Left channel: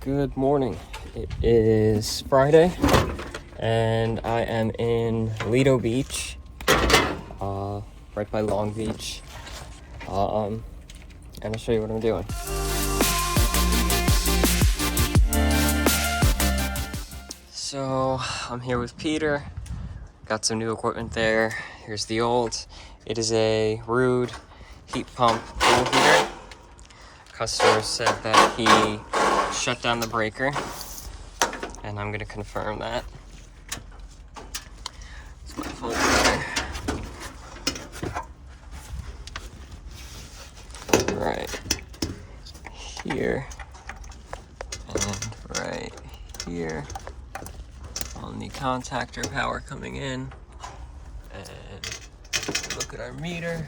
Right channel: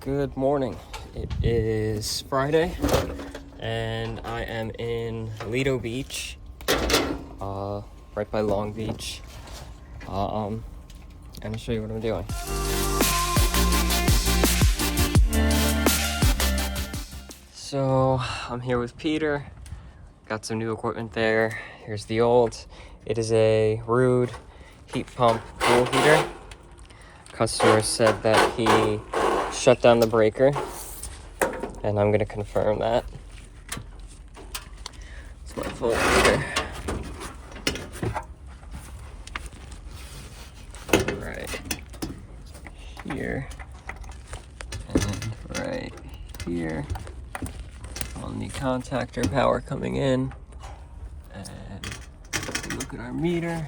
Good morning. It is Friday and I am in Lido Beach, right by Long Beach, and I'll show you what I'm doing. So I'm here with Peter, got some new equipment there. Here's the old. It is a Ruud heat pump pool heater. Customer said that he shut down the breaker, and I'm gonna confirm that. It's my phone here. Right here and right here on the contactor, power coming in, and look at our meter.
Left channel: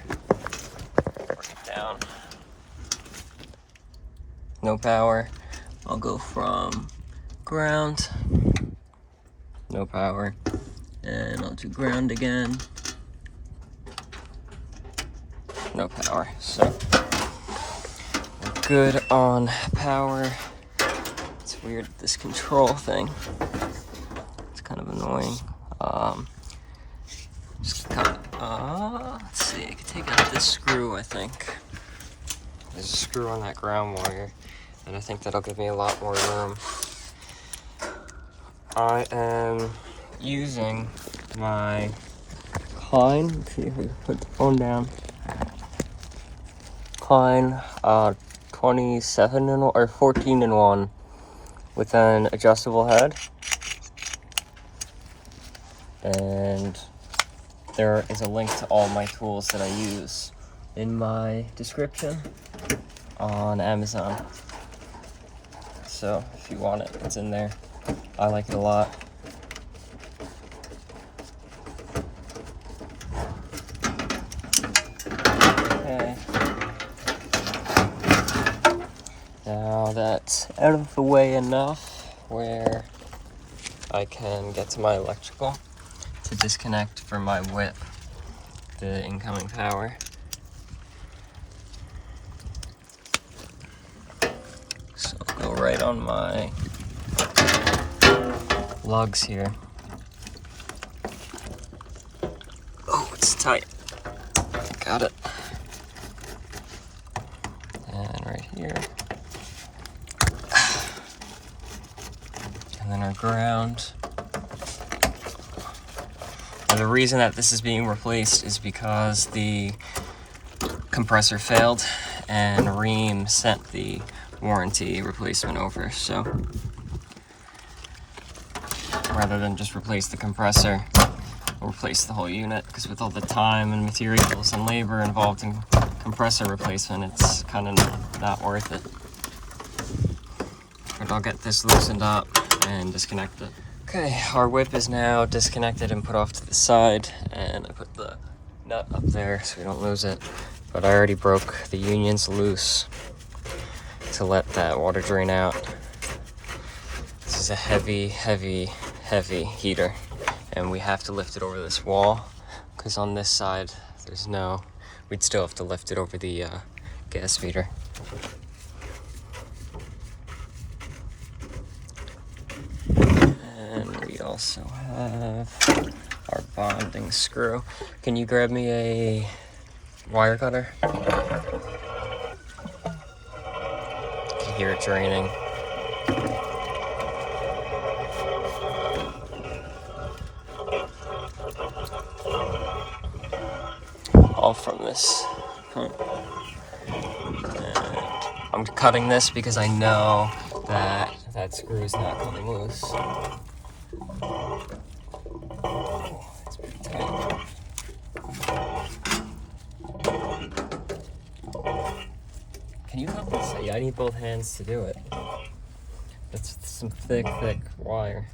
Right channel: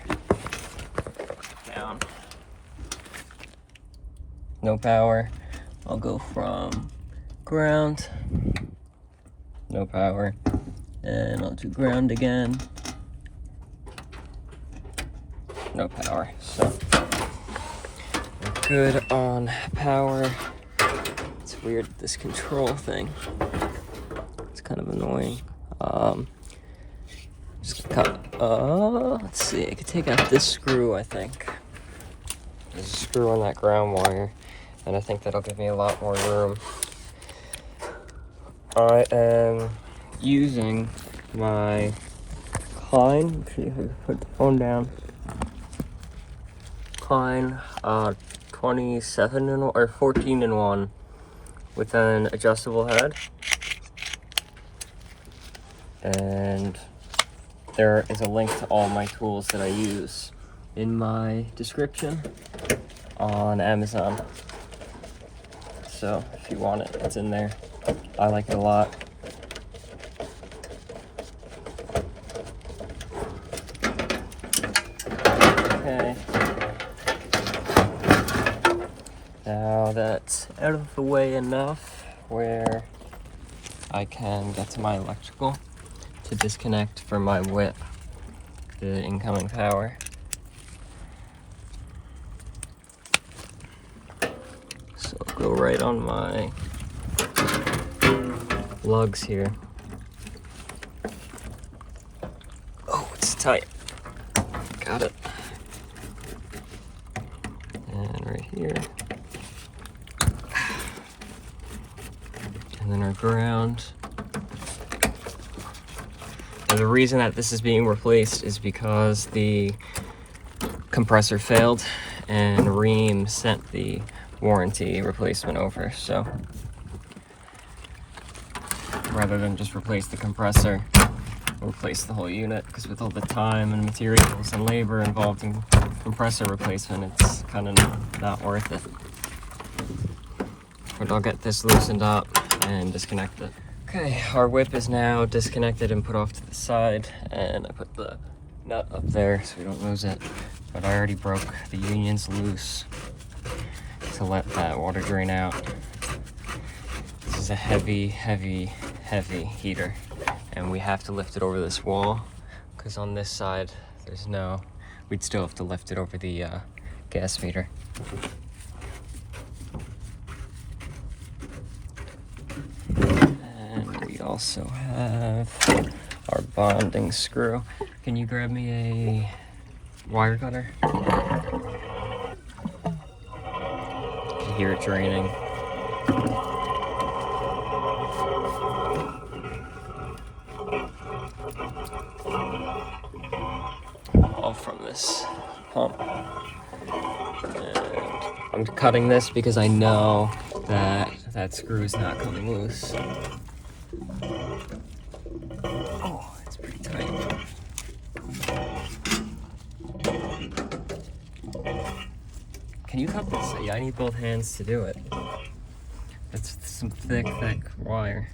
Down. No power. I'll go from ground, no power, and I'll do ground again, no power. So we're good on power. It's weird, this control thing. It's kind of annoying. Just cut. Let's see. I could take out this screw. I think there's a screw on that ground wire, and I think that'll give me a lot more room. I am using my Klein, put the phone down, Klein 27 or 14 in 1 with an adjustable head. And there is a link to all my tools that I use in my description on Amazon. So if you want it, it's in there. I like it a lot. Okay. Now that's out of the way enough where I can get to my electrical to disconnect from my whip the incoming power. So I'll go right on my lugs here. Oh, it's tight. Got it. And right here. And then our ground. And the reason that this is being replaced is because the compressor failed and Ream sent the warranty replacement over. So rather than just replace the compressor, we'll replace the whole unit, because with all the time and materials and labor involved in compressor replacement, it's kind of not worth it. But I'll get this loosened up and disconnect it. Okay, our whip is now disconnected and put off to the side, and I put the nut up there so we don't lose it. But I already broke the unions loose to let that water drain out. This is a heavy heater, and we have to lift it over this wall, because on this side we'd still have to lift it over the gas meter. And we also have our bonding screw. Can you grab me a wire cutter? You can hear it draining. All from this pump. And I'm cutting this because I know that that screw is not coming loose. Oh, it's pretty tight. Can you help this? Yeah, I need both hands to do it. It's some thick wire.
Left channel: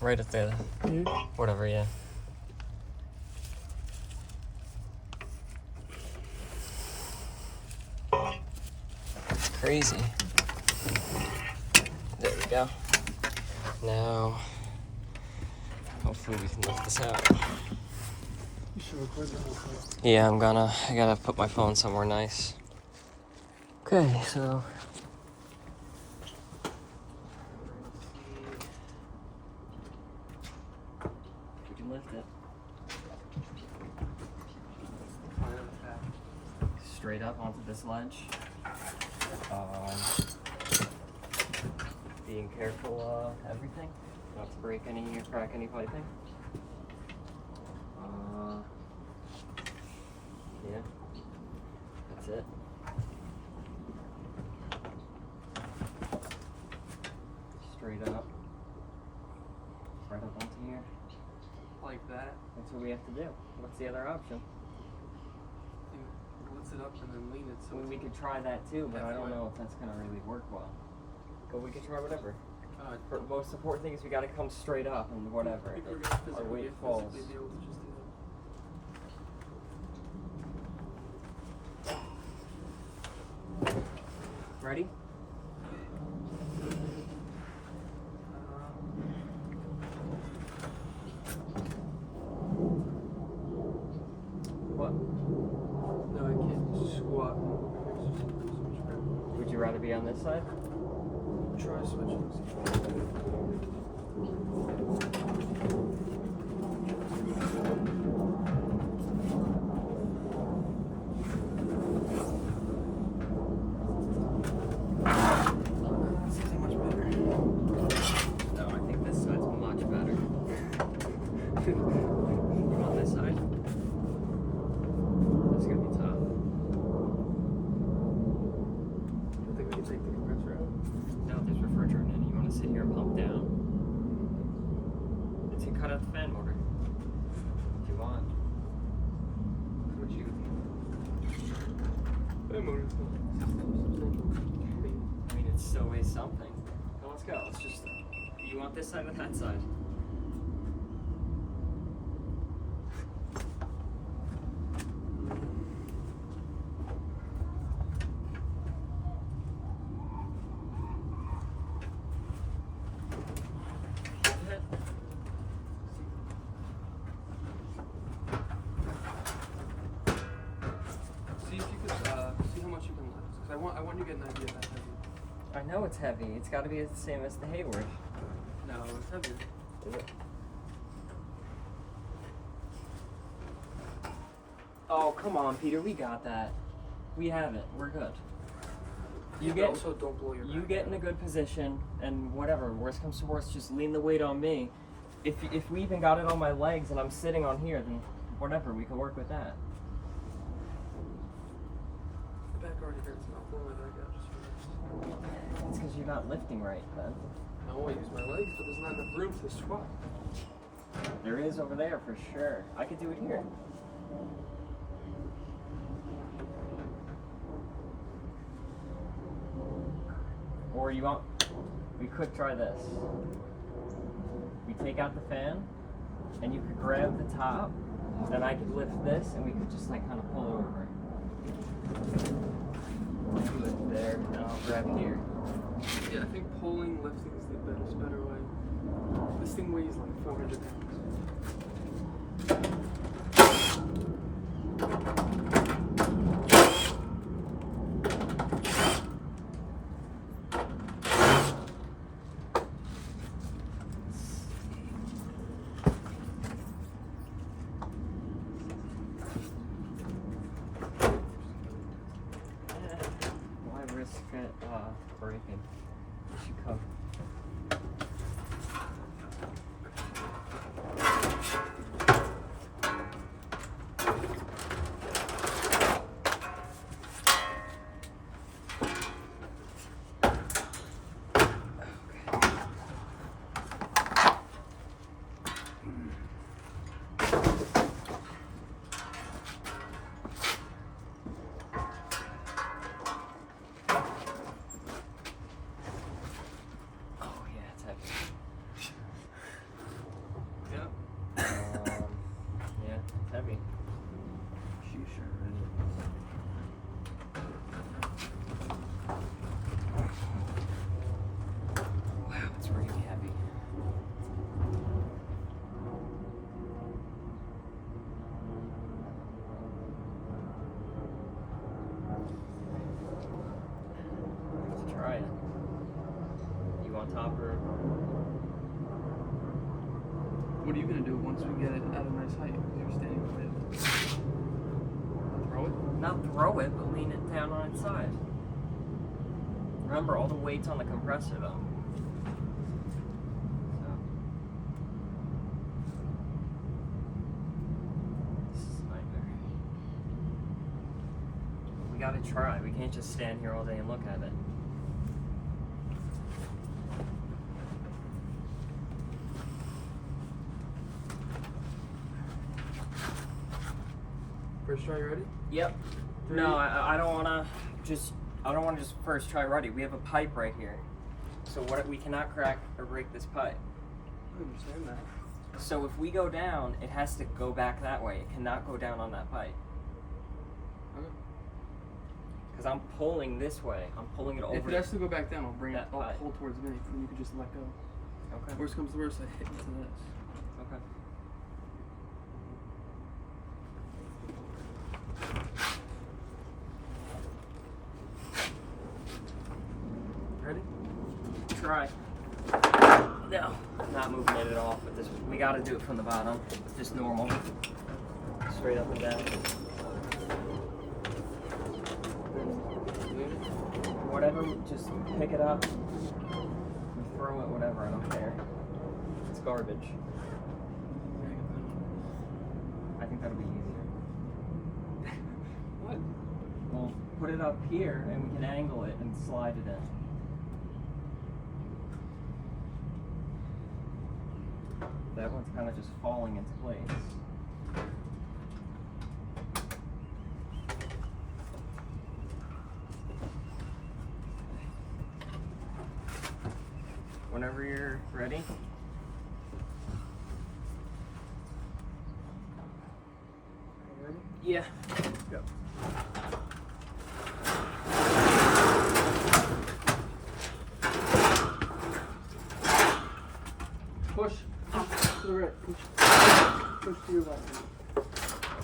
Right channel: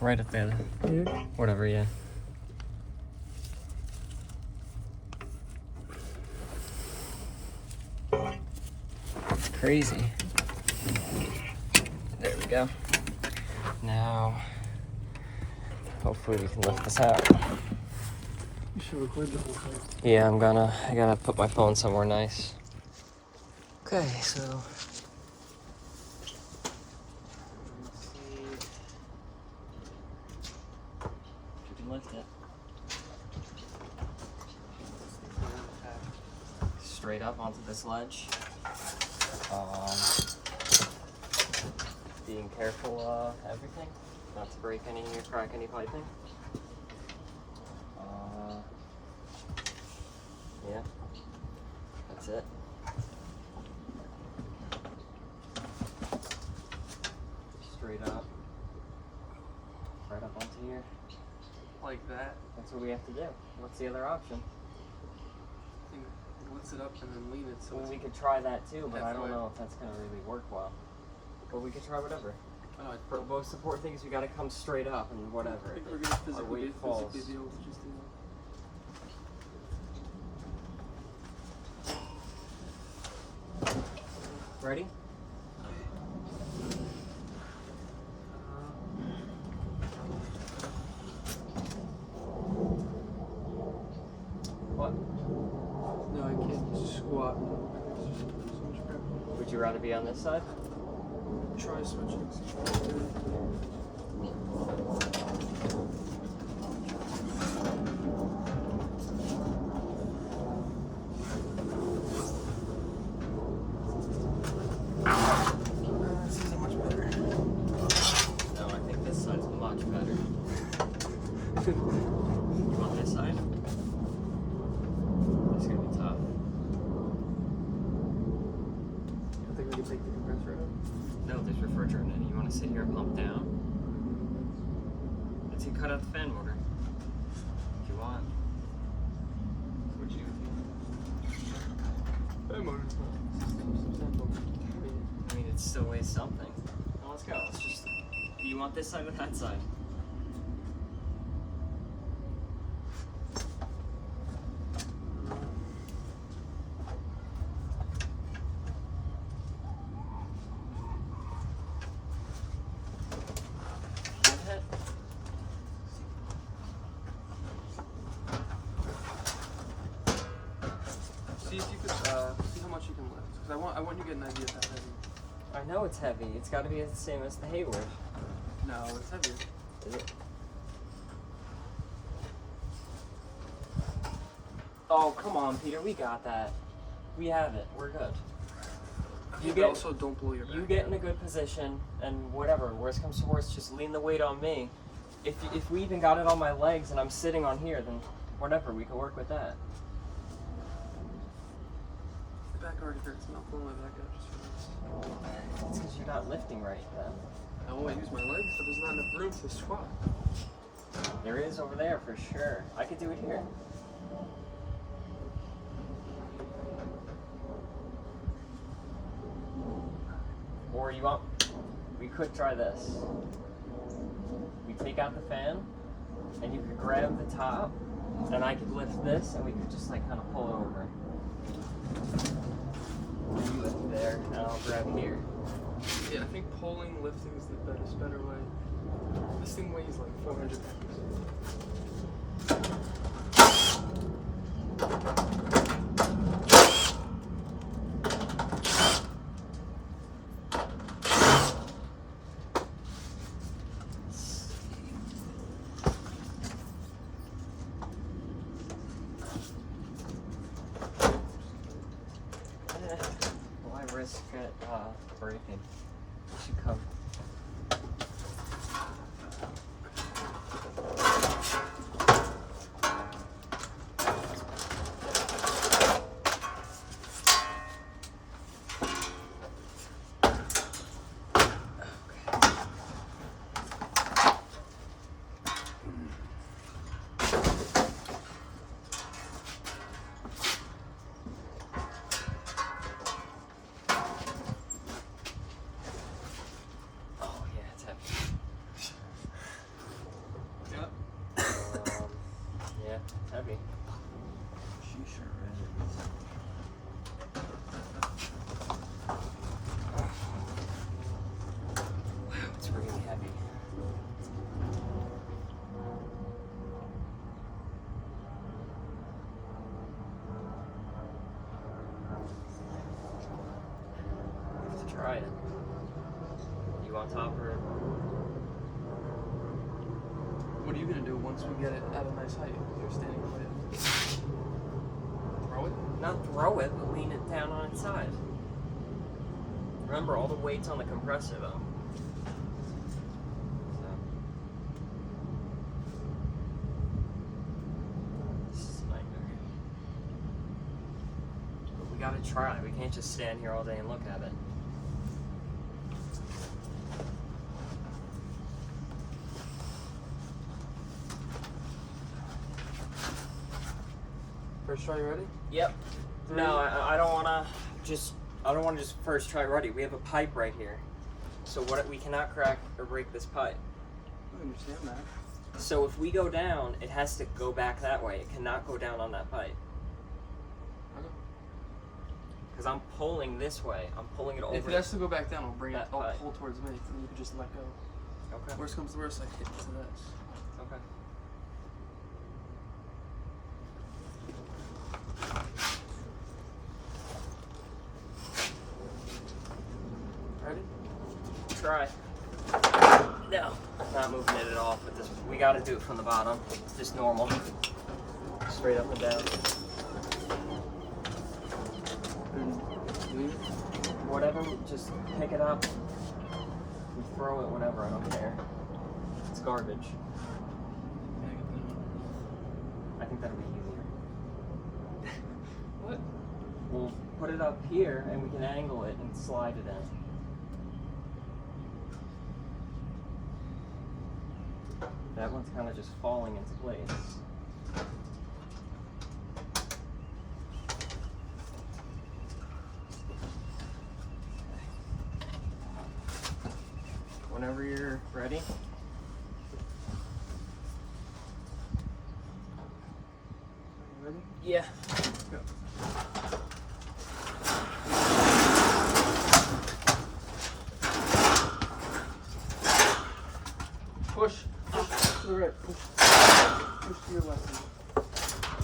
Right up there. Whatever, yeah. Crazy. There we go. Now, hopefully we can lift this out. You Yeah, I gotta put my phone somewhere nice. Okay, so. You can lift it. Straight up onto this ledge. Being careful everything, not to break any or crack any piping. Yeah, that's it. Straight up, right up onto here. Like that? That's what we have to do. What's the other option? Lift it up and then lean it. So we could try that too, but I don't know if that's gonna really work well. But we could try whatever. The most important thing is we gotta come straight up and whatever. Our weight falls. Ready? What? No, I can't squat. Would you rather be on this side? Try switching. Sit here and pump down. Let's see, cut out the fan motor if you want. What you? Fan motor. I mean, it still weighs something. Well, let's go. Let's just. Do you want this side or that side? I want you to get an idea of that heavy. I know it's heavy. It's got to be the same as the Hayward. No, it's heavier. Is it? Oh, come on, Peter. We got that. We have it. We're good. You get, also don't blow your back. You get in a good position, and whatever. Worst comes to worst, just lean the weight on me. If we even got it on my legs and I'm sitting on here, then whatever. We can work with that. Back already hurts, I'm not pulling my back out just for this. It's because you're not lifting right, then. I won't use my legs, but there's not enough room to squat. There is over there for sure. I could do it here. Or you want, we could try this. We take out the fan, and you could grab the top, and I could lift this, and we could just like kind of pull it over. You lift there, and I'll grab here. Yeah, I think pulling, lifting is the better way. This thing weighs like 400 pounds. Breaking. It should come. once we get it at a nice height, you're standing with it. Throw it? Not throw it, but lean it down on its side. Remember, all the weight's on the compressor though. So. This is a nightmare. But we gotta try. We can't just stand here all day and look at it. First try, you ready? Yep. No, I don't wanna just first try ready. We have a pipe right here. So we cannot crack or break this pipe. I understand that. So if we go down, it has to go back that way. It cannot go down on that pipe. Because I'm pulling this way. I'm pulling it over. If it has to go back down, I'll pull towards me, and then you can just let go. Okay. Worst comes to worst, I hit into this. Okay. Ready? Try. No. Not moving it at all, but this we gotta do it from the bottom. Just normal. Straight up and down. Leave it. Whatever, just pick it up. You throw it, whatever, I don't care. It's garbage. Yeah, get the new one. I think that'll be easier. What? We'll put it up here and we can angle it and slide it in. That one's kind of just falling into place. Whenever you're ready. Ready? Yeah. Go. Push. To the right. Push to your left.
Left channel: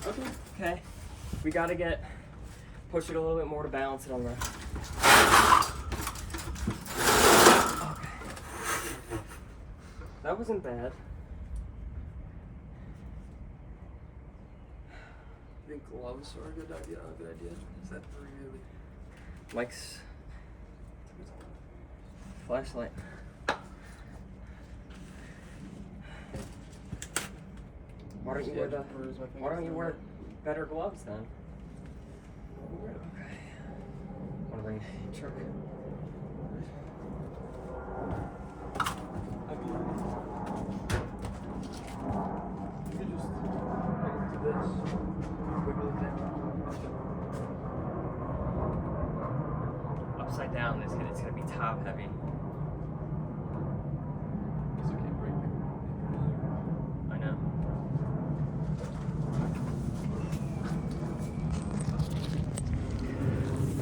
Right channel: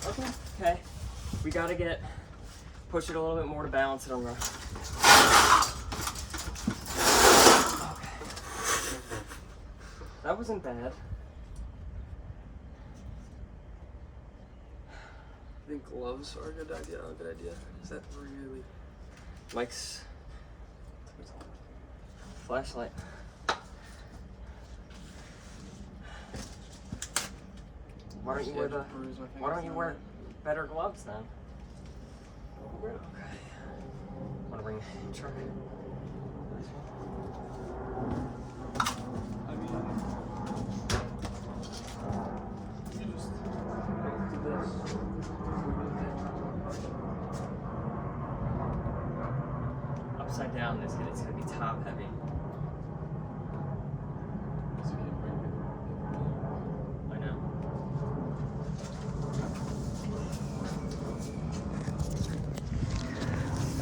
Okay. Okay. We gotta push it a little bit more to balance it on the. Okay. That wasn't bad. I think gloves are a good idea. Is that really? Mike's flashlight. Why don't you wear better gloves then? Okay. Wanna bring the truck? I mean, you could just do this. Wiggle it down. Upside down, it's gonna be top heavy. So you can bring it. I know.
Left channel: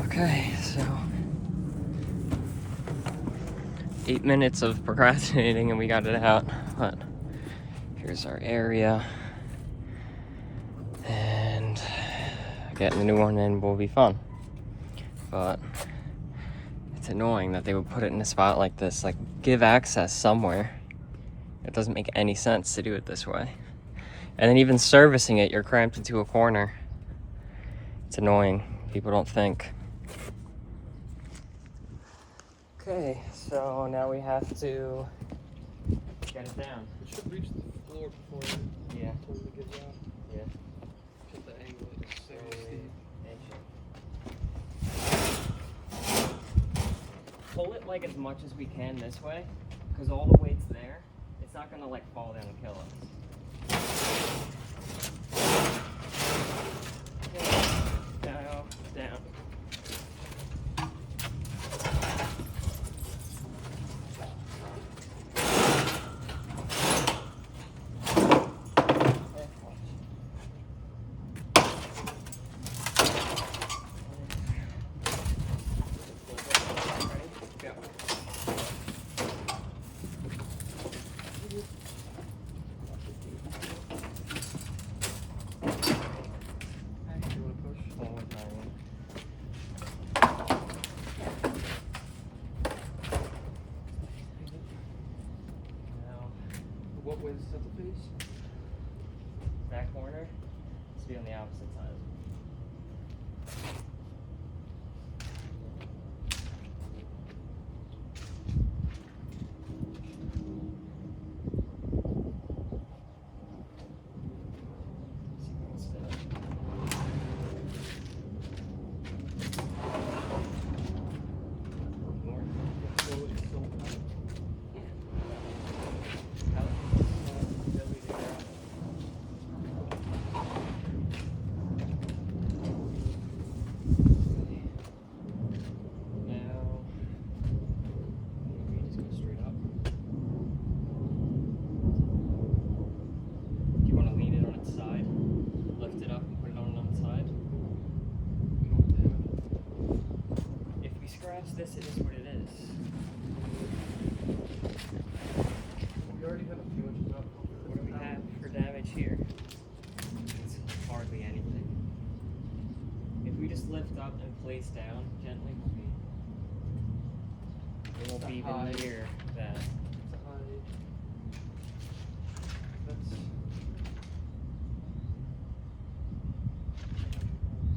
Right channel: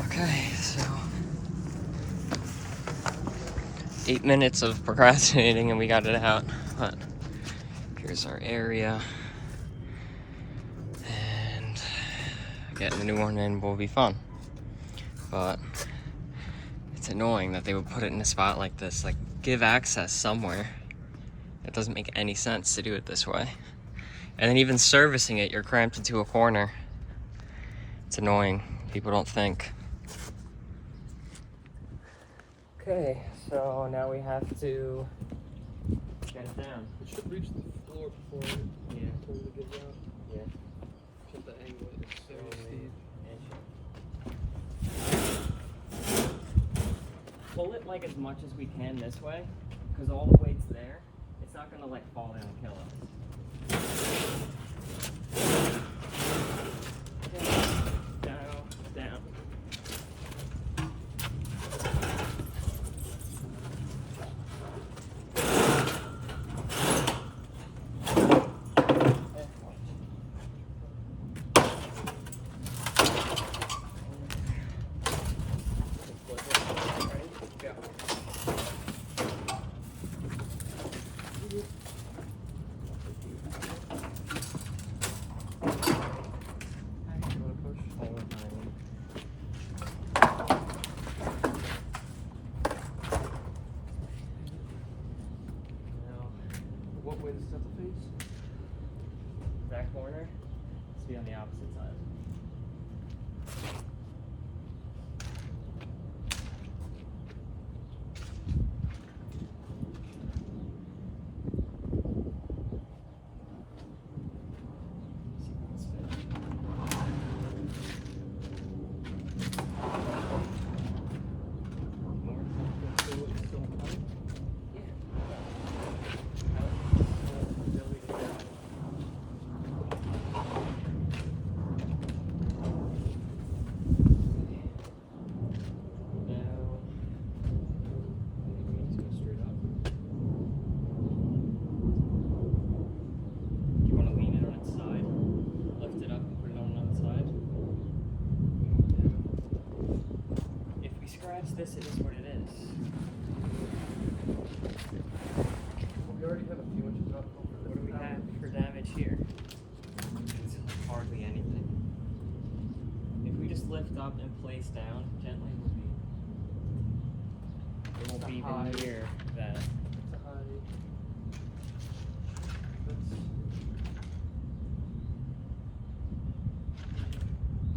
Okay, so 8 minutes of procrastinating and we got it out. But here's our area. And getting a new one in will be fun. But it's annoying that they would put it in a spot like this, like give access somewhere. It doesn't make any sense to do it this way. And then even servicing it, you're cramped into a corner. It's annoying. People don't think. Okay, so now we have to get it down. It should reach the floor before it totally gives out. Yeah. Get the angle. It's very steep. Pull it like as much as we can this way, because all the weight's there. It's not gonna like fall down and kill us. Down, down. opposite side. See if we can spin it. More. So it's still tight. Yeah. This is what it is. Well, we already have a few inches up. What do we have for damage here? It's hardly anything. If we just lift up and place down gently, it won't be even near that. It's a high. That's.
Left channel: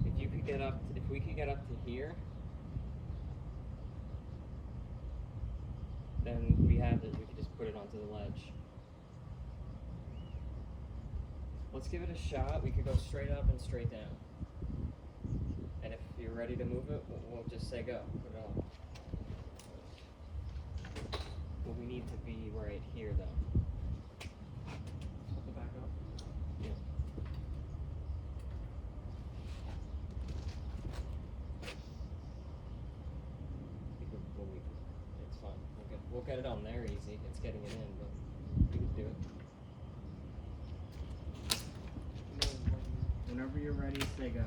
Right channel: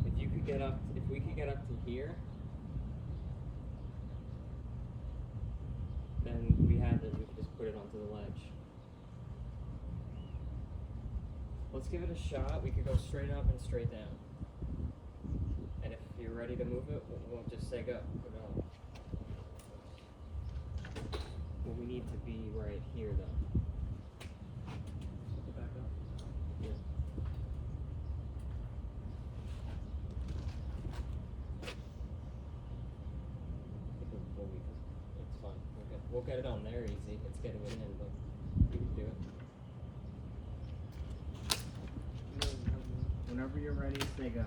If you could get up, if we could get up to here, then we have it. We could just put it onto the ledge. Let's give it a shot. We could go straight up and straight down. And if you're ready to move it, we'll just say go. Put it on. Well, we need to be right here, though. Put the back up. Yeah. I think we'll leave it. It's fine. We'll get it on there easy. It's getting it in, but we can do it. Whenever you're ready, say go.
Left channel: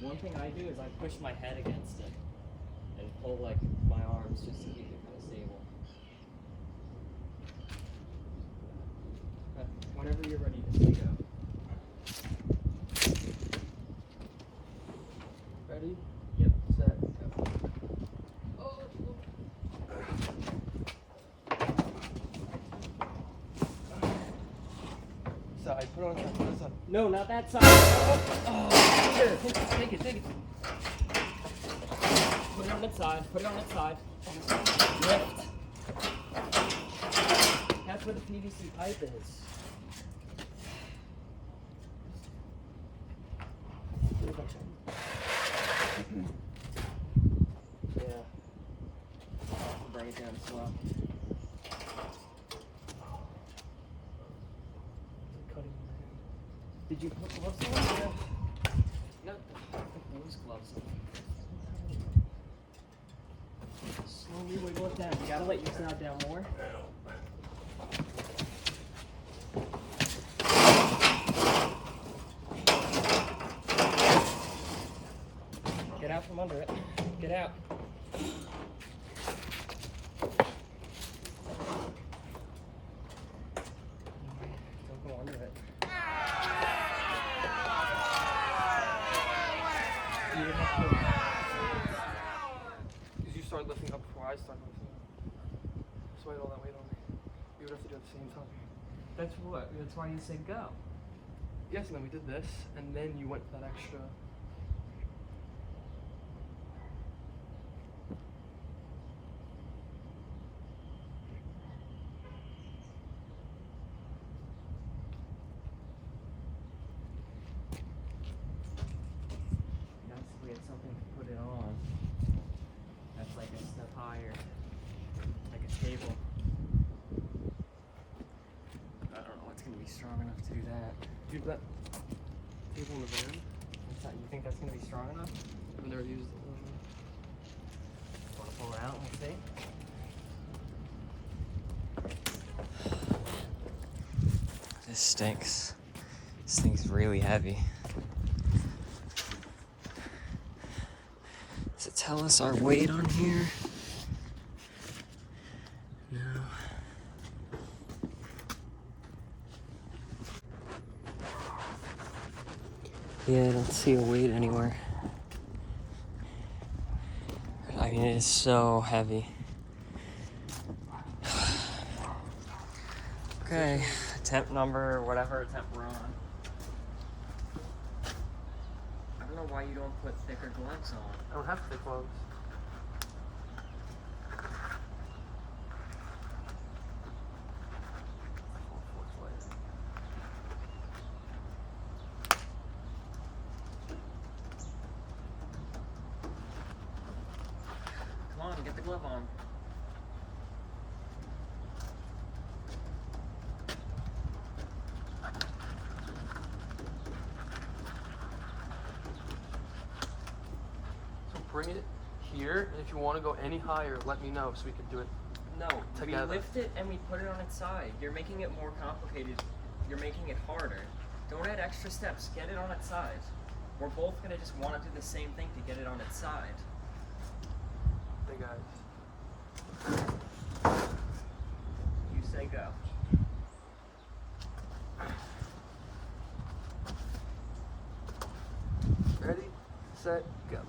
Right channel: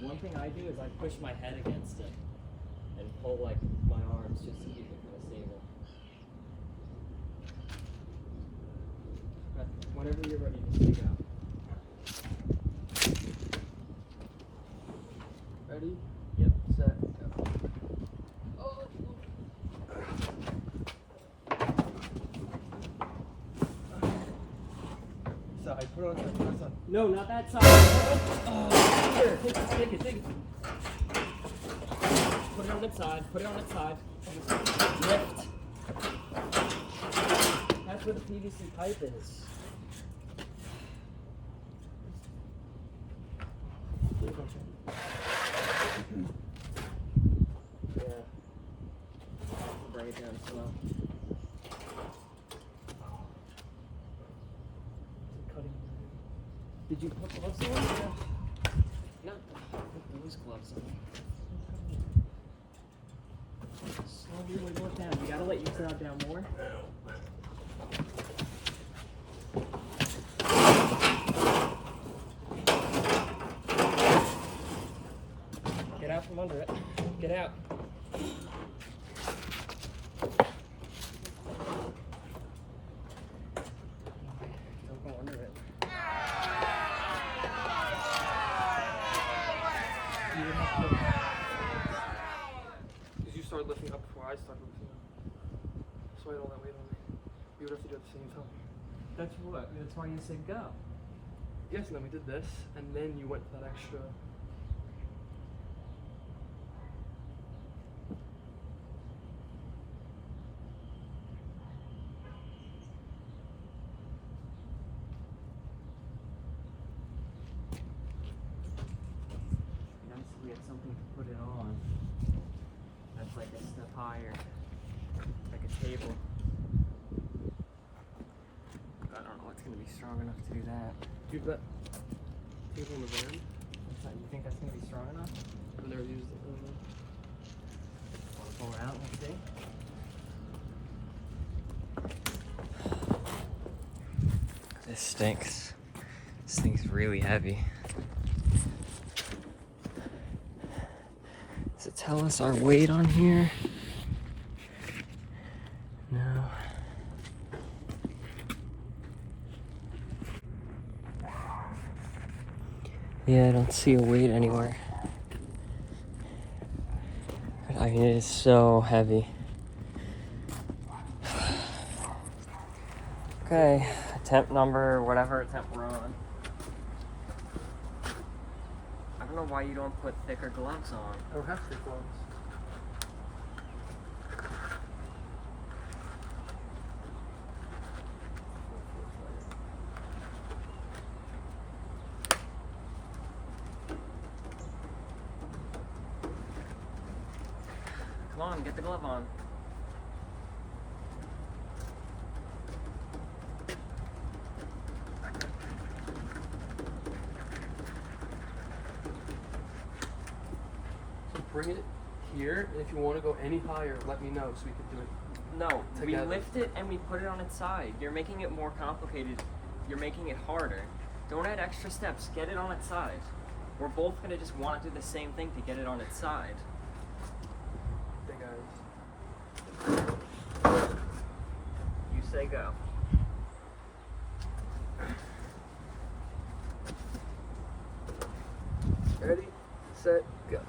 One thing I do is I push my head against it and pull like my arms just to keep it kind of stable. Okay. Whenever you're ready, just say go. Ready? Yep. Set. Go. Oh. Side. Put it on the side. No, not that side. Oh, here, take it. Put it on its side. Put it on its side. Lift. That's where the PVC pipe is. Yeah. Bring it down slow. Did you put gloves on? No. Put those gloves on. Slowly wiggle it down. You gotta let your crowd down more. Get out from under it. Get out. Don't go under it. Because you started lifting up before I started lifting up. So I had all that weight on me. We would have to do it at the same time. That's what. That's why you said go. Yes, and then we did this, and then you went that extra. Nice if we had something to put it on. That's like a step higher. Like a table. I don't know it's gonna be strong enough to do that. Dude, that table in the van, You think that's gonna be strong enough? I've never used it. Wanna pull it out and see? This stinks. This thing's really heavy. Does it tell us our weight on here? No. Yeah, I don't see a weight anywhere. I mean, it is so heavy. Okay, Okay, temp number, whatever temp we're on. I don't know why you don't put thicker gloves on. I don't have thick gloves. Come on, get the glove on. So bring it here, and if you want to go any higher, let me know so we can do it. No, we Together. lift it and we put it on its side. You're making it more complicated. You're making it harder. Don't add extra steps. Get it on its side. We're both gonna just want to do the same thing to get it on its side. Big eyes. You say go. Ready, set, go.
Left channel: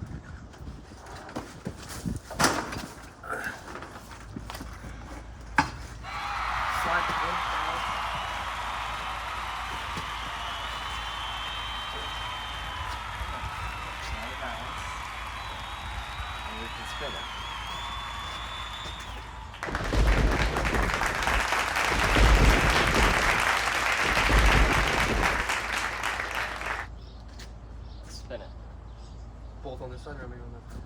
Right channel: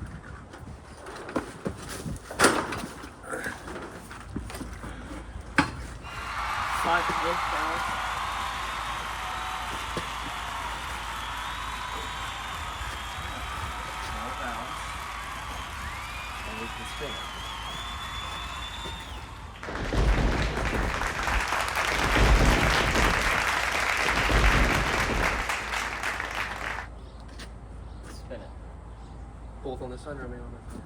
Slide the glove down. Now balance. And we can spin it. Spin it. Both on this side or me on that side?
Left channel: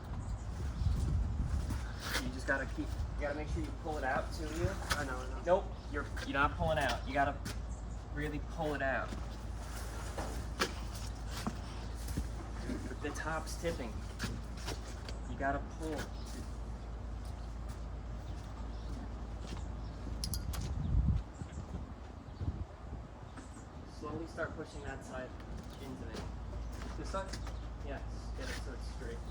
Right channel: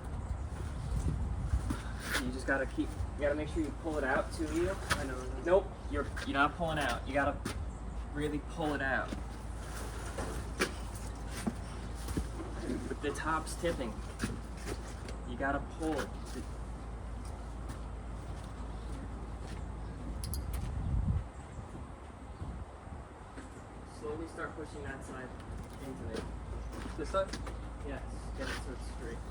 You just gotta you gotta make sure you pull it out to you. I know. Nope, you're not pulling out. You gotta really pull it out. But the top's tipping. You gotta pull. Slowly start pushing that side into it. This side? Yes, get it so it's straight.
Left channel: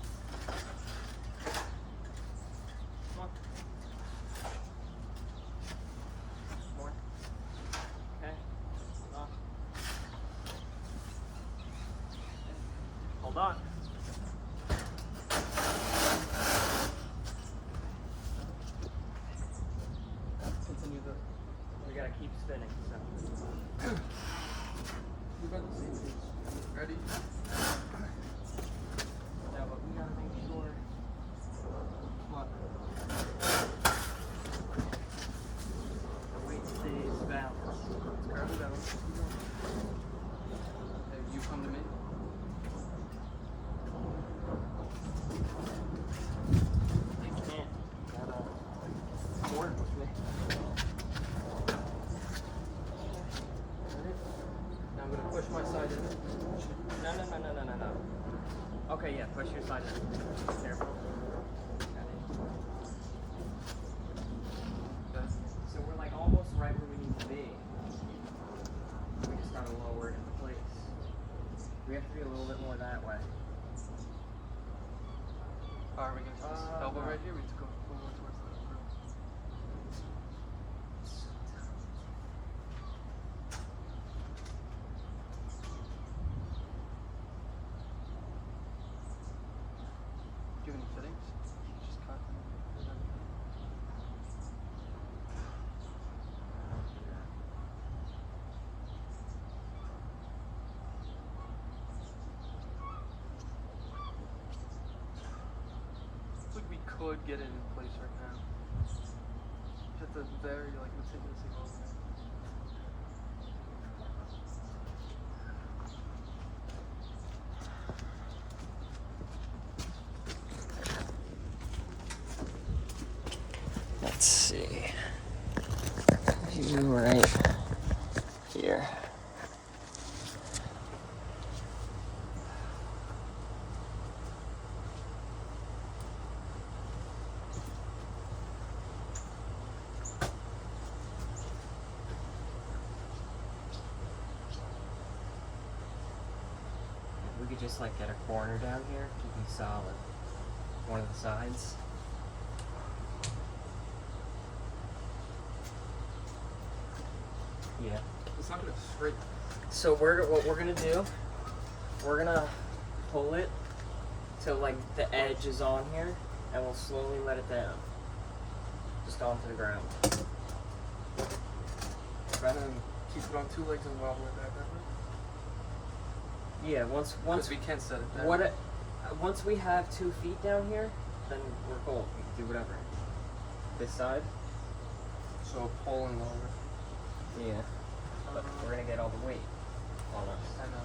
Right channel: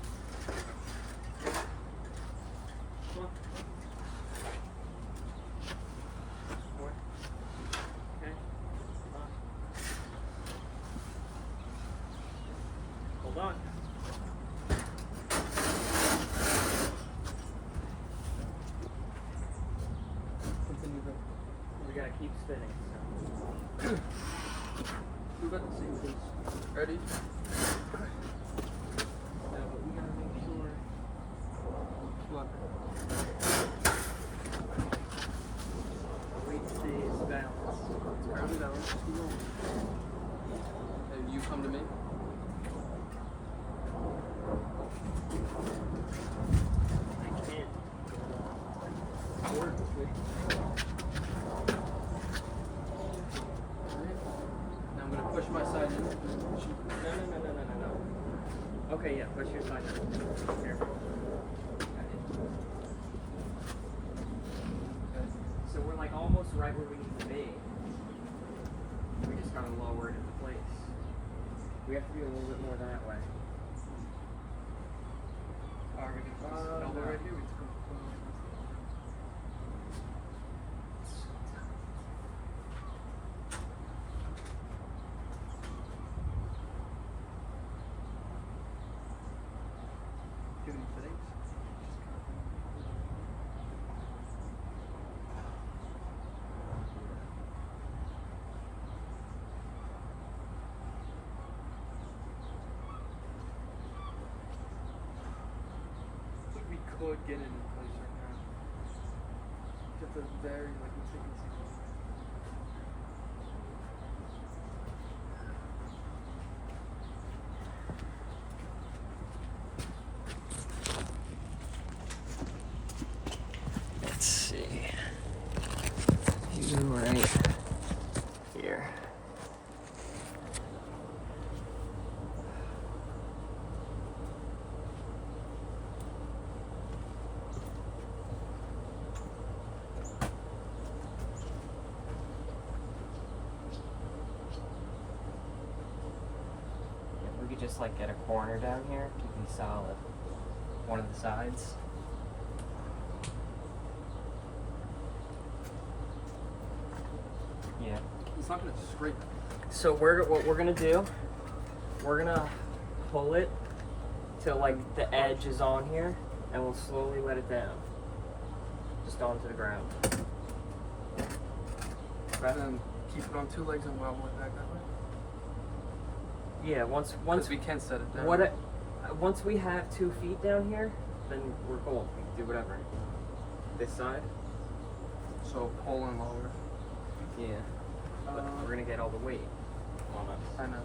Come on. More. Okay. Hold on. Hold on. Continue the. We gotta keep spinning. So. You got the same thing. Ready? No, but we gotta make sure. What? The weight stays balanced. It's currently down. Just keep going. Hey, you come to me. I can't. You gotta work with me. Ready? Now I'm gonna push my side in. No. Okay, yeah, push your side in. Careful. So we're like almost right where we need to be. We just gotta lower it into place. We have to be a little bit more that way. Are we gonna put this elbow right here? We took a little more towards the upper. Do you have any settings? Just cut them. Looks like we could get it in place right now. It's a very, like, let's take it a second. Let's see. You right here. We could just like get a corner down here to be solid. One of the sides. Yeah. It's not gonna straight. So what we're gonna do, we're gonna pull it till like the edge is on here, and we'll slowly let it down, just onto the ground. And then keep it on 2 legs and wobble it back that way. Yeah, once Because we can set it down. once we have 2 feet down here, then we're cool. We can do whatever. This side? So pull and lower. Yeah. But we're gonna get all the weight on us. I know.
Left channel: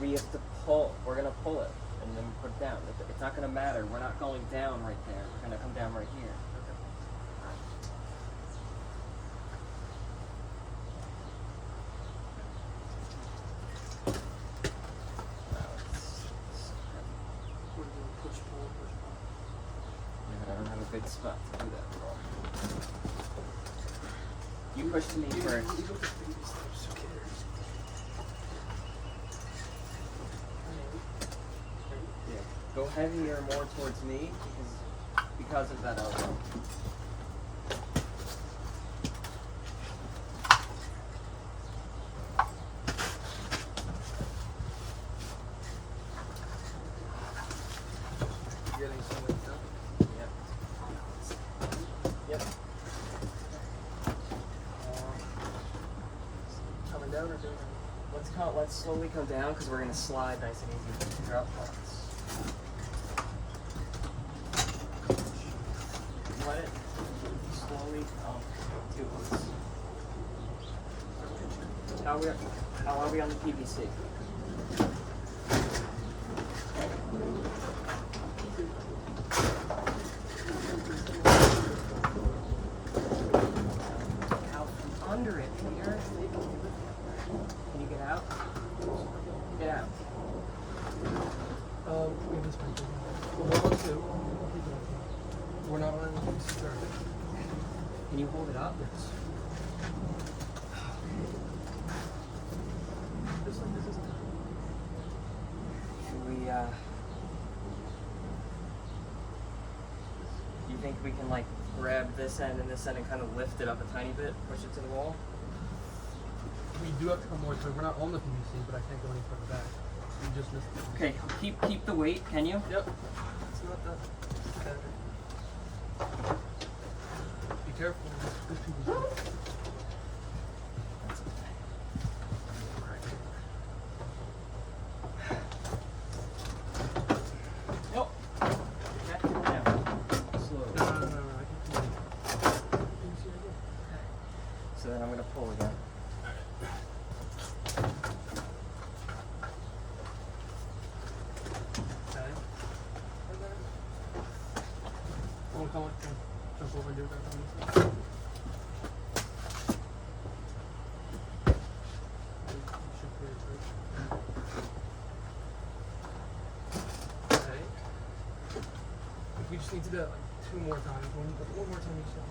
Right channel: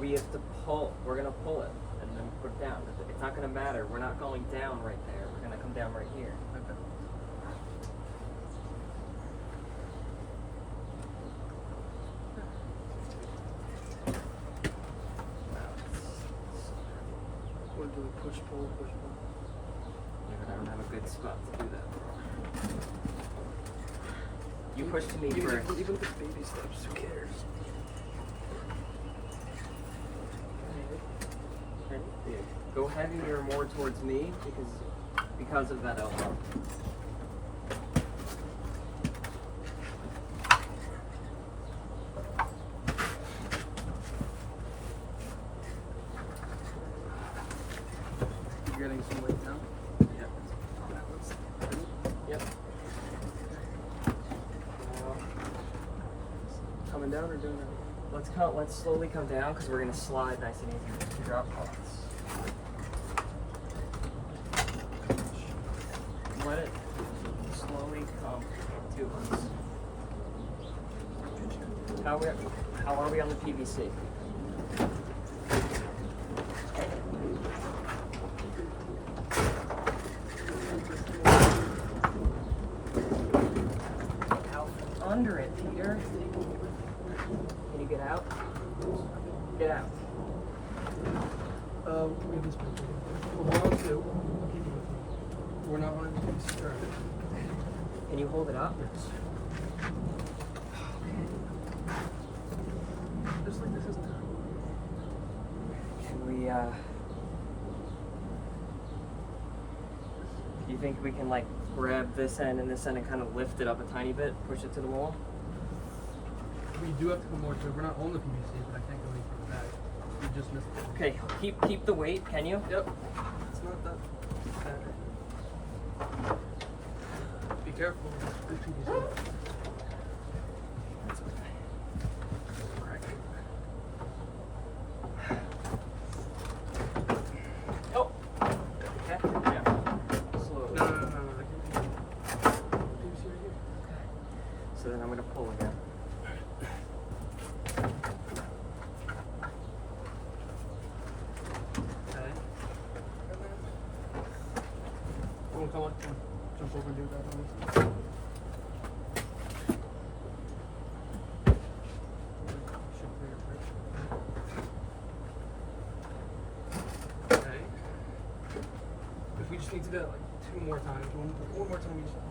We have to pull. We're gonna pull it and then put it down. It's not gonna matter. We're not going down right there. We're gonna come down right here. Push, pull, push, pull. Yeah, I don't have a good spot to do that, bro. You push to me first. Even if it's baby steps, who cares? Yeah. Go heavier more towards me because of that elbow. You're getting some weight now? Yep. Yep. Coming down or doing that? Let's slowly come down because we're gonna slide nice and easy with the drop pots. Let it slowly come to us. How are we on the PVC? Out from under it, Peter. Can you get out? Get out. We just make it. We're on 2. We're not letting it start. Can you hold it up? Just like this isn't time. Should we, you think we can, like, grab this end and this end and kind of lift it up a tiny bit, push it to the wall? We do have to come more to it. We're not on the PVC, but I can't go any further back. We just missed it. Okay, keep the weight, can you? Yep. It's not that bad. Be careful. There's PVC. Oh! Okay, yeah. Slowly. No. I can't. PVC right here. So then I'm gonna pull again. We'll come up and jump over and do that on this side. Okay. If we just need to do it like 2 more times, we need to do 1 more time each time.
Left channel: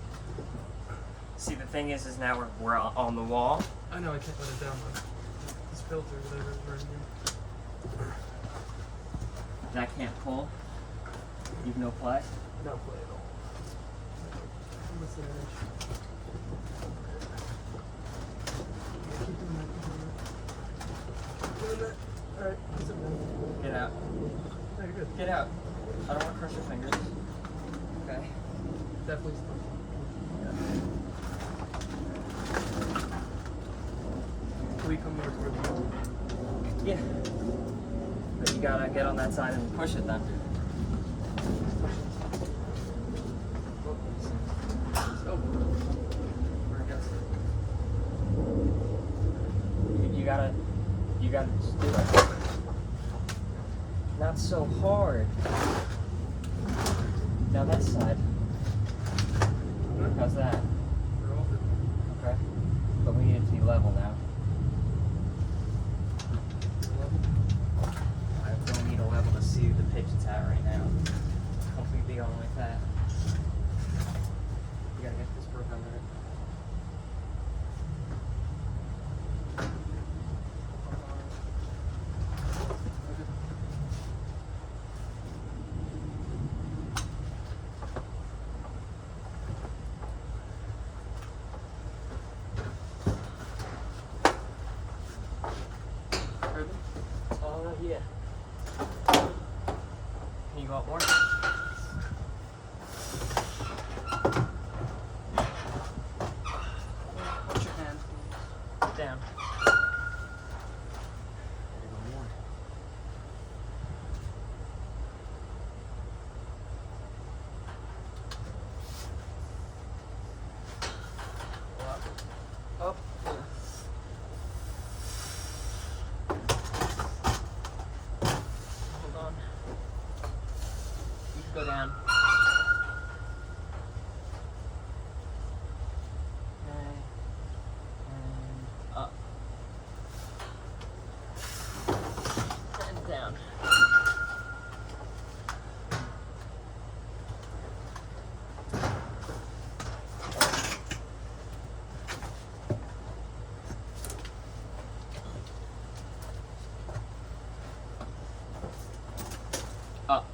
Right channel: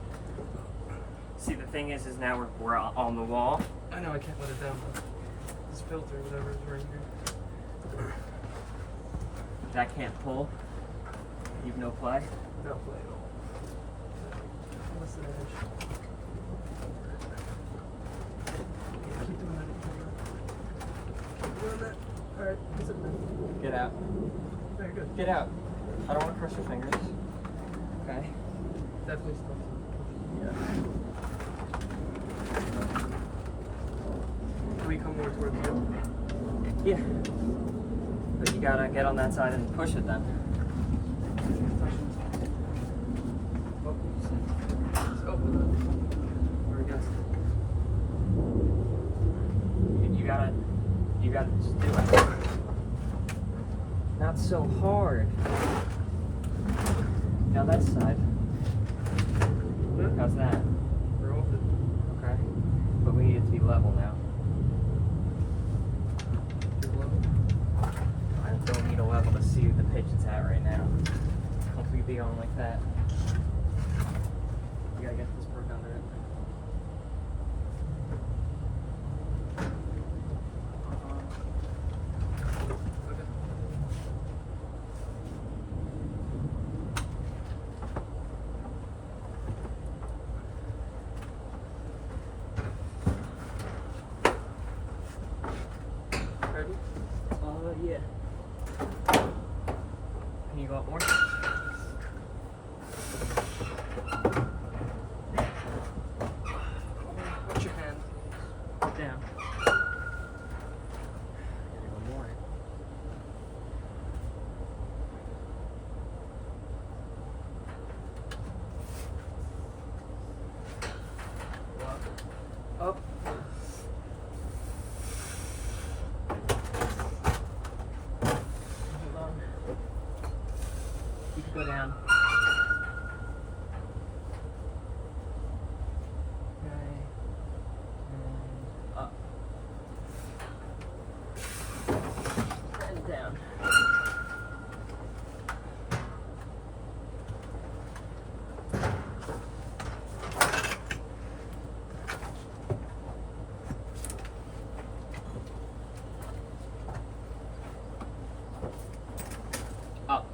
See, the thing is now we're on the wall. I know I can't let it down though. This filter, whatever is right here. That can't pull. You've no play. No play. What's the edge? Keep doing that. Keep doing that. Alright, that's it then. Get out. Very good. Get out. I don't want to crush your fingers. Okay. Definitely stuff. Can we come more towards the other? Yeah. But you gotta get on that side and push it then. Let's go. Where it goes. You gotta just do it. Not so hard. Now that side. How's that? We're off it. Okay. But we need it to be level now. I don't need a level to see the pitch it's at right now. Completely on like that. You gotta get this broke under it. Ready? Yeah. You want more? Down. One more. Up. Hold on. Keep go down. Up. And down. Up.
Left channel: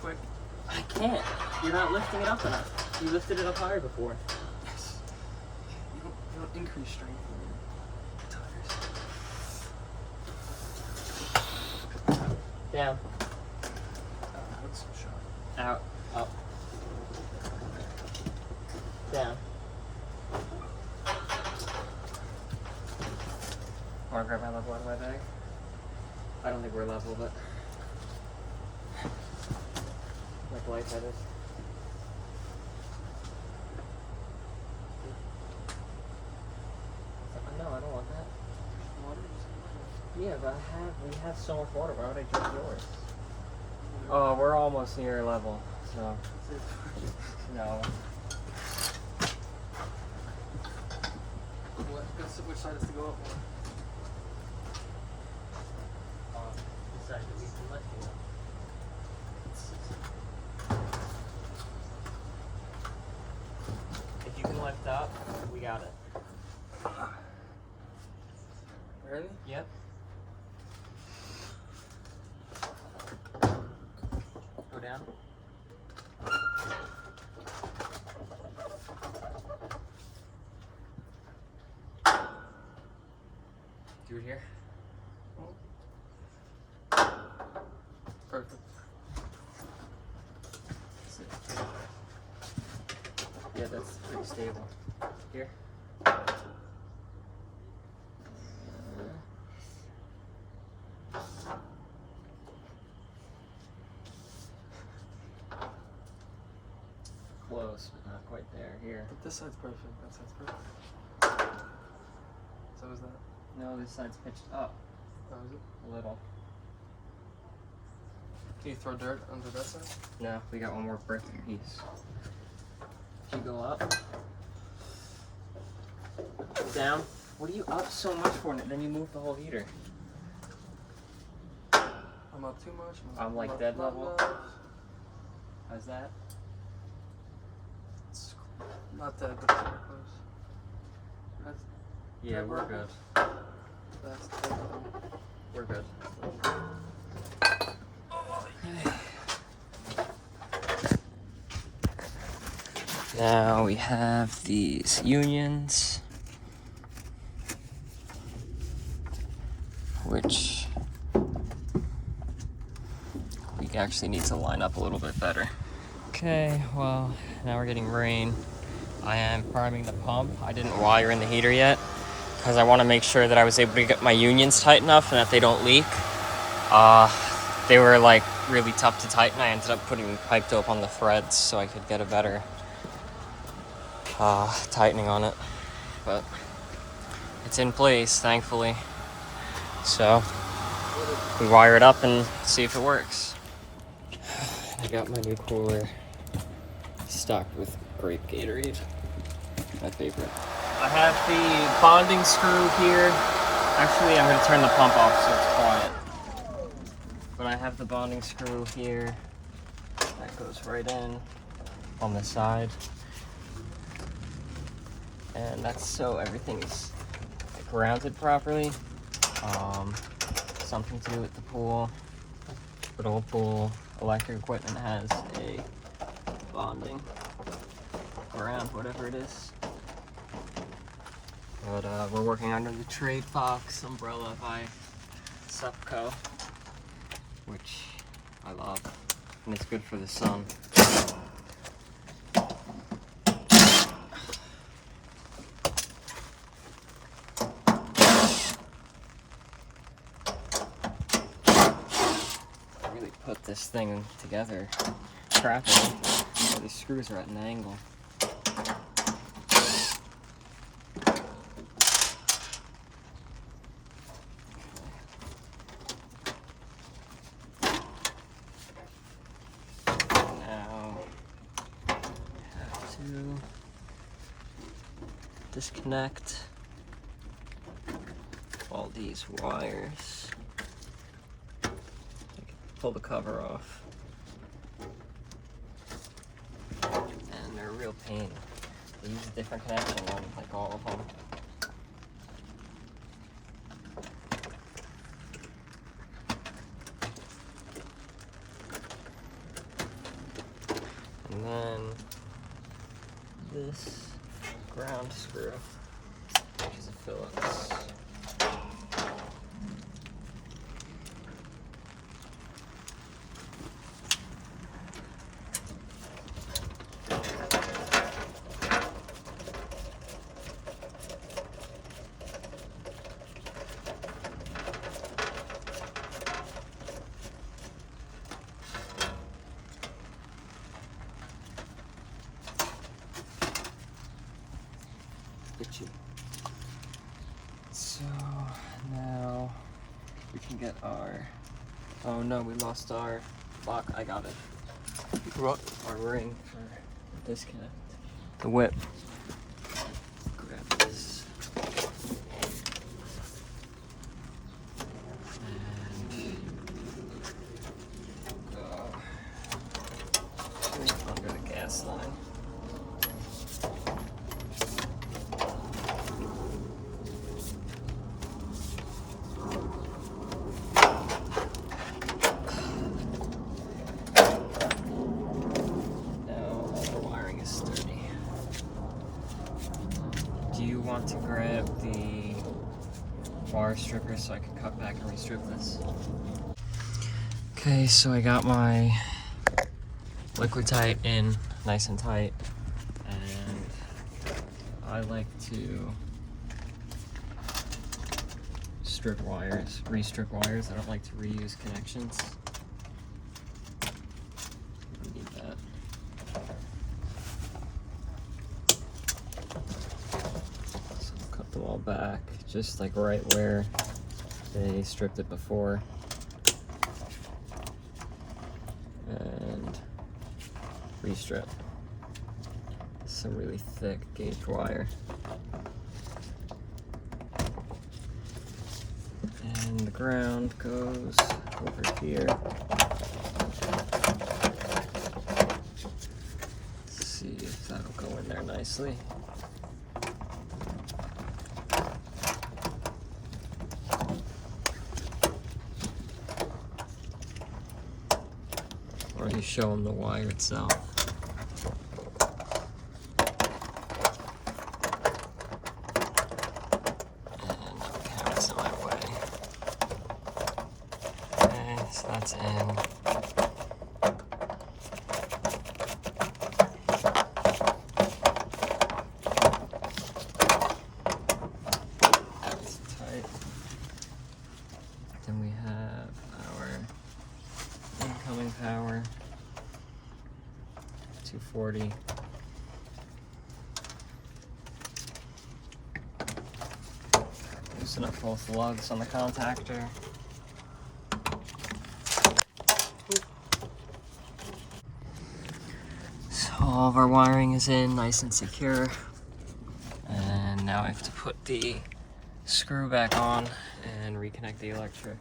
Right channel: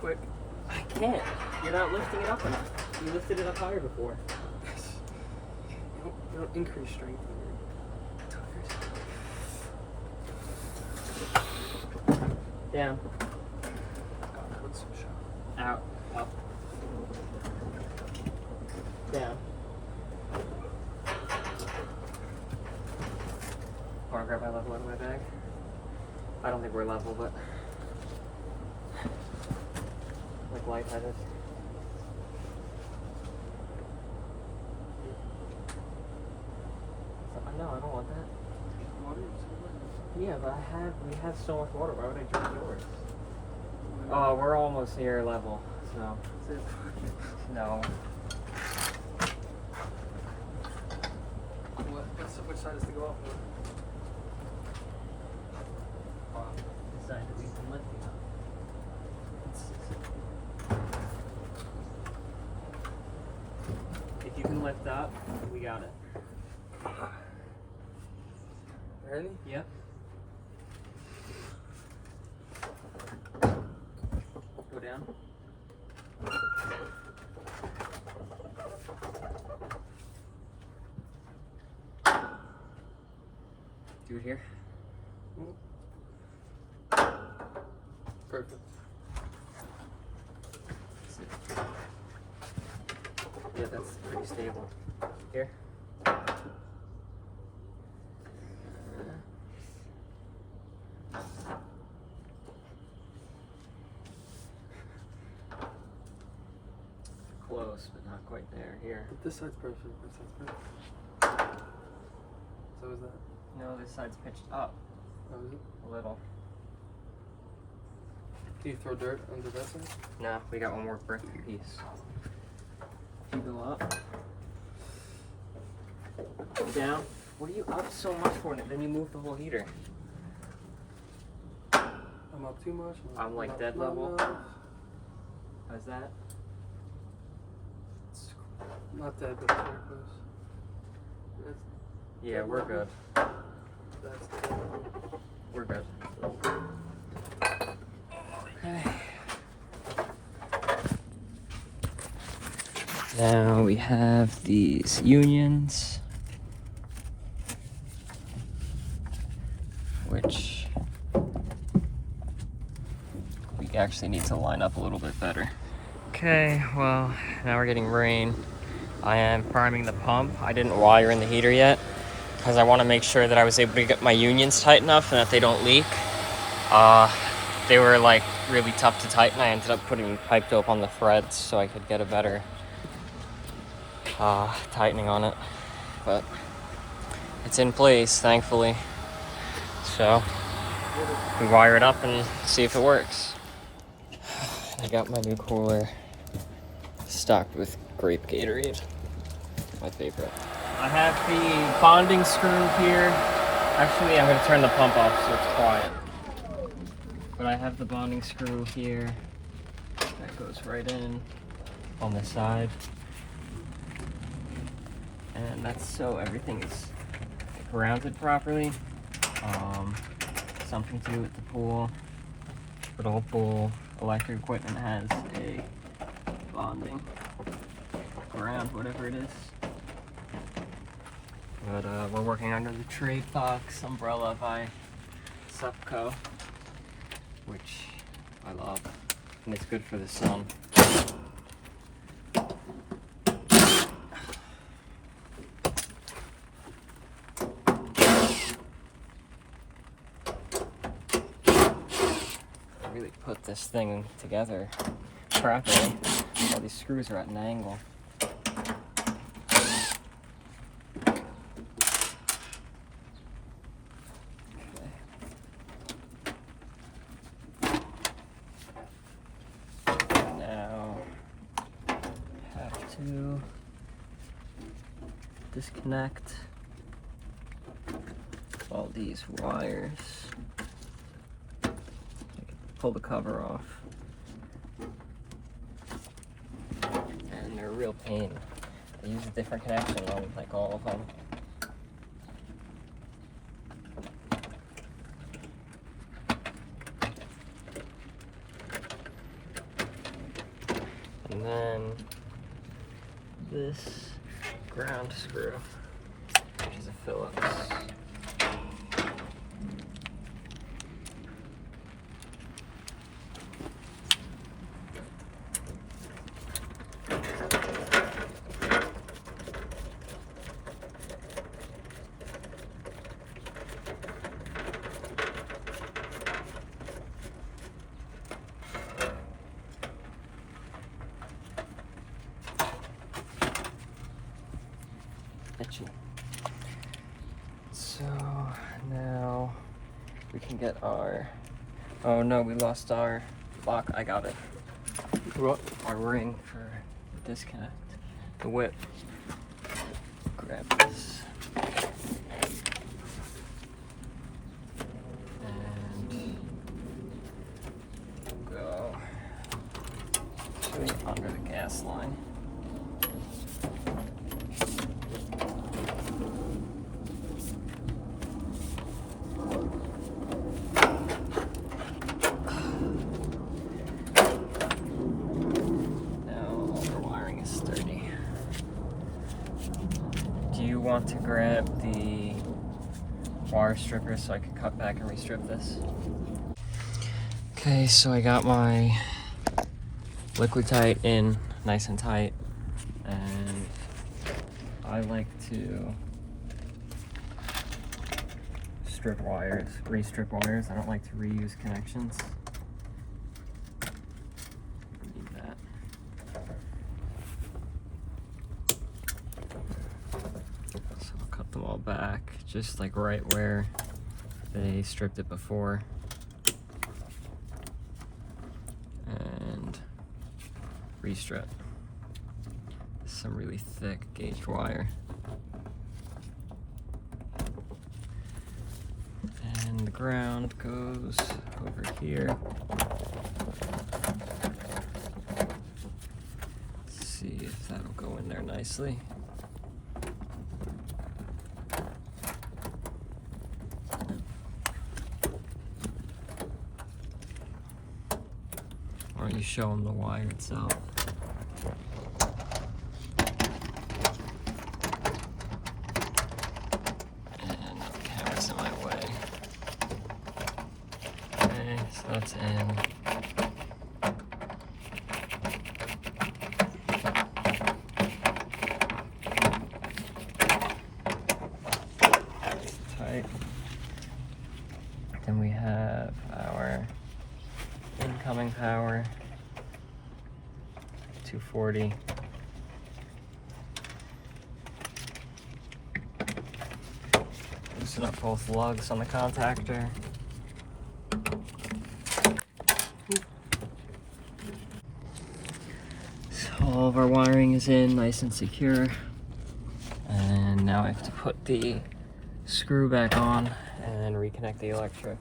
Quick. I can't. You're not lifting it up enough. You lifted it up higher before. Yes. You don't increase strength in your tires. Down. That looks so sharp. Out. Up. Down. Want to grab my level out of my bag? I don't think we're level, but like lightheaded. No, I don't want that. Water? Yeah, but we have so much water. Why would I drink yours? Oh, we're almost near level, so That's it. no. Which side is to go up for? The side that we've been lifting up. If you can lift up, we got it. Ready? Yep. Go down. Do it here. Perfect. Yeah, that's pretty stable. Here. Close, but not quite there. Here. But this side's perfect. That side's perfect. So is that? No, this side's pitched up That was it? a little. Can you throw dirt under that side? No, we got one more brick piece. If you go up, down. What are you up so much for? Then you move the whole heater. I'm up too much. I'm like not- dead not level. enough. How's that? It's not dead, but it's so close. That's, Yeah, we're good. that's the level. We're good. Okay. Now we have these unions, which we actually need to line up a little bit better. Okay, well, now we're getting rain. I am priming the pump. I didn't wire in the heater yet because I want to make sure that I was able to get my unions tight enough and that they don't leak. They were like really tough to tighten. I ended up putting pipe dope on the threads so I could get a better tightening on it, but it's in place, thankfully. So we wire it up and see if it works. I got my new cooler stocked with grape Gatorade, my favorite. I have the bonding screw here. Actually, I'm gonna turn the pump off so it's quiet. But I have the bonding screw here. That goes right in on the side. And that's so everything is grounded properly. Something to do with the pool. But all pool electric equipment has a bonding ground, whatever it is. But we're working under the Trade Fox umbrella by Supco, which I love. and it's good for the sun. I really put this thing together properly. All these screws are at an angle. To disconnect all these wires. I can pull the cover off. And they're a real pain. They use a different connection on like all of them. And then this ground screw, which is a Phillips. Itchy. So now we can get our, oh no, we lost our lock. I got it. What? Our ring for the disconnect. The whip. Grab this. And go under the gas line. Want to grab the wire stripper so I can cut back and restrip this. Okay, so I got my liquid tight in nice and tight, and I like to strip wires, re-strip wires. I don't like to reuse connections. Need that. Them all back, just like right where they stripped it before, and restrip. Some really thick gauge wire, and the ground goes over here. Let's see if that'll go in there nicely. Already show them the wire itself. And the camera's in my way. Okay, so that's in. That's tight. Then we have our incoming power, 240. Loosen up both lugs on the contactor. So all of our wiring is in, nice and secure. And now I have to put the screw back on and reconnect the electric.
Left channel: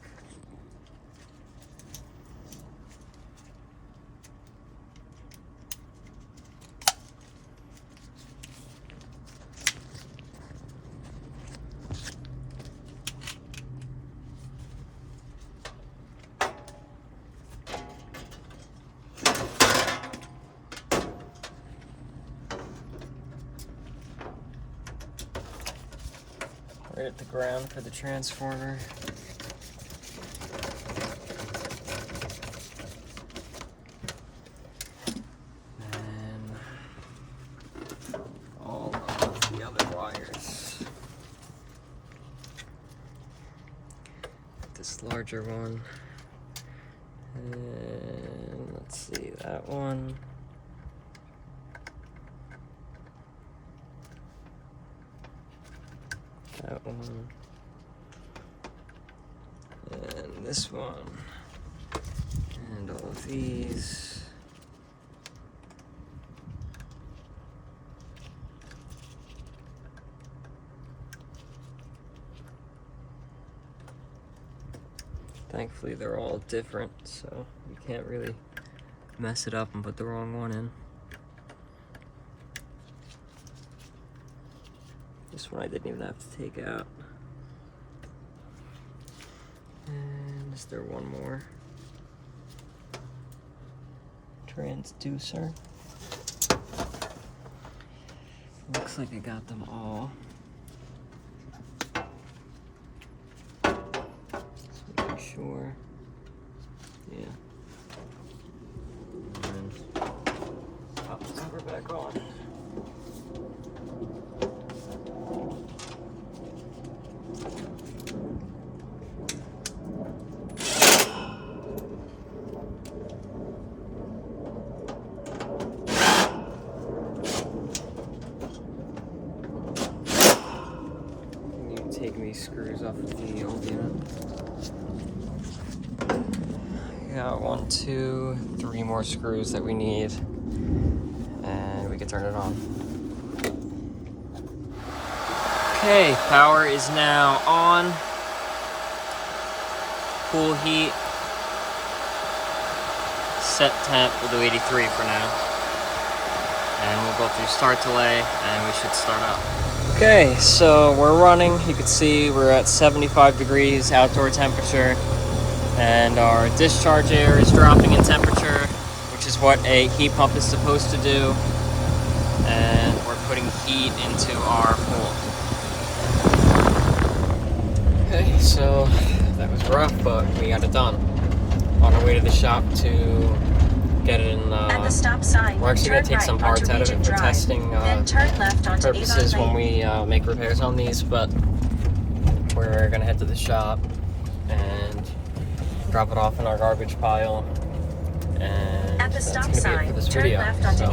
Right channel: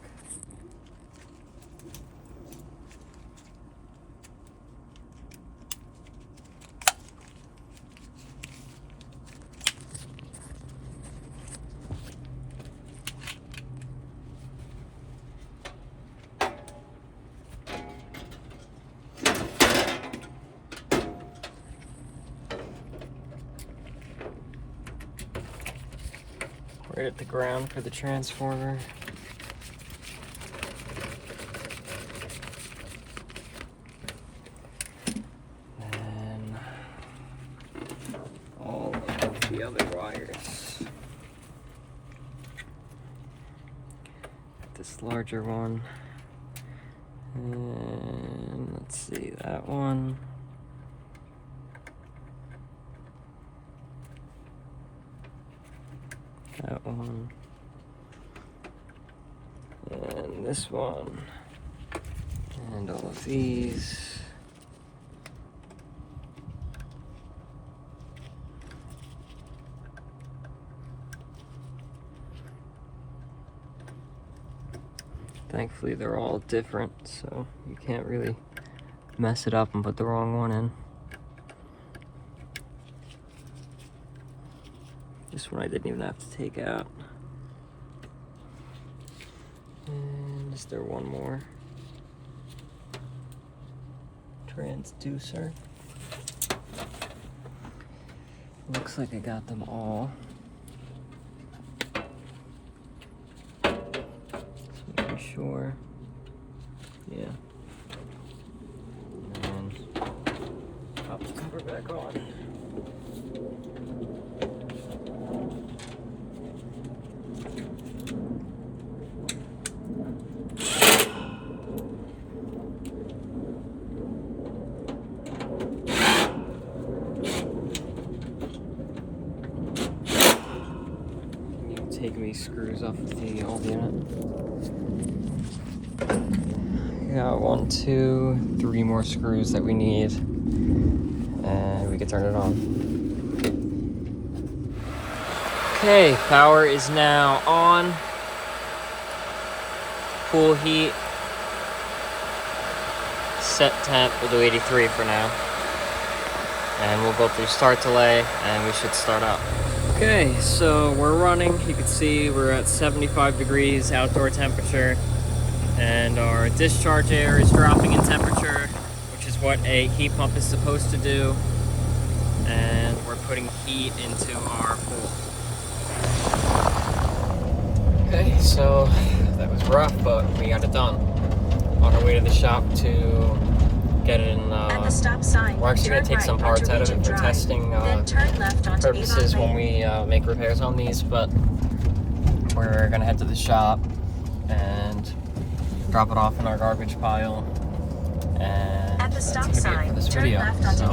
Right at the ground for the transformer. larger one. And let's see, that one. That one. And this one. And all of these. Thankfully they're all different, so you can't really mess it up and put the wrong one in. This one I didn't even have to take out. And is there one more? Transducer. Looks like I got them all. Sure. Yeah. And pop the cover back on. You take these screws off of the old unit. Got 1, 2, 3 more screws that we need, and we can turn it on. Okay, power is now on. Pool heat. Set temp, we'll do 83 for now. And we'll go through start delay, and we should start up. Okay, so we're running. You can see we're at 75 degrees outdoor temperature. And our discharge air is dropping in temperature, which is what a heat pump is supposed to do. And we're putting heat into our pool. Okay, so that was rough, but we got it done. On our way to the shop to get it in. At the stop sign, we're actually going to take some parts out of it for testing purposes when we make repairs on these, but we're going to head to the shop and drop it off in our garbage pile, and that's going to be it for this video. So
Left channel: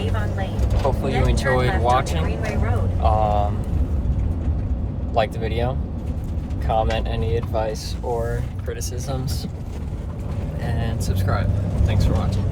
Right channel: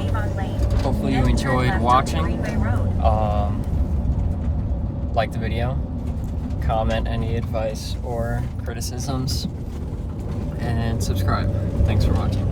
hopefully you enjoyed watching. Like the video, comment any advice or criticisms, and subscribe. Thanks for watching.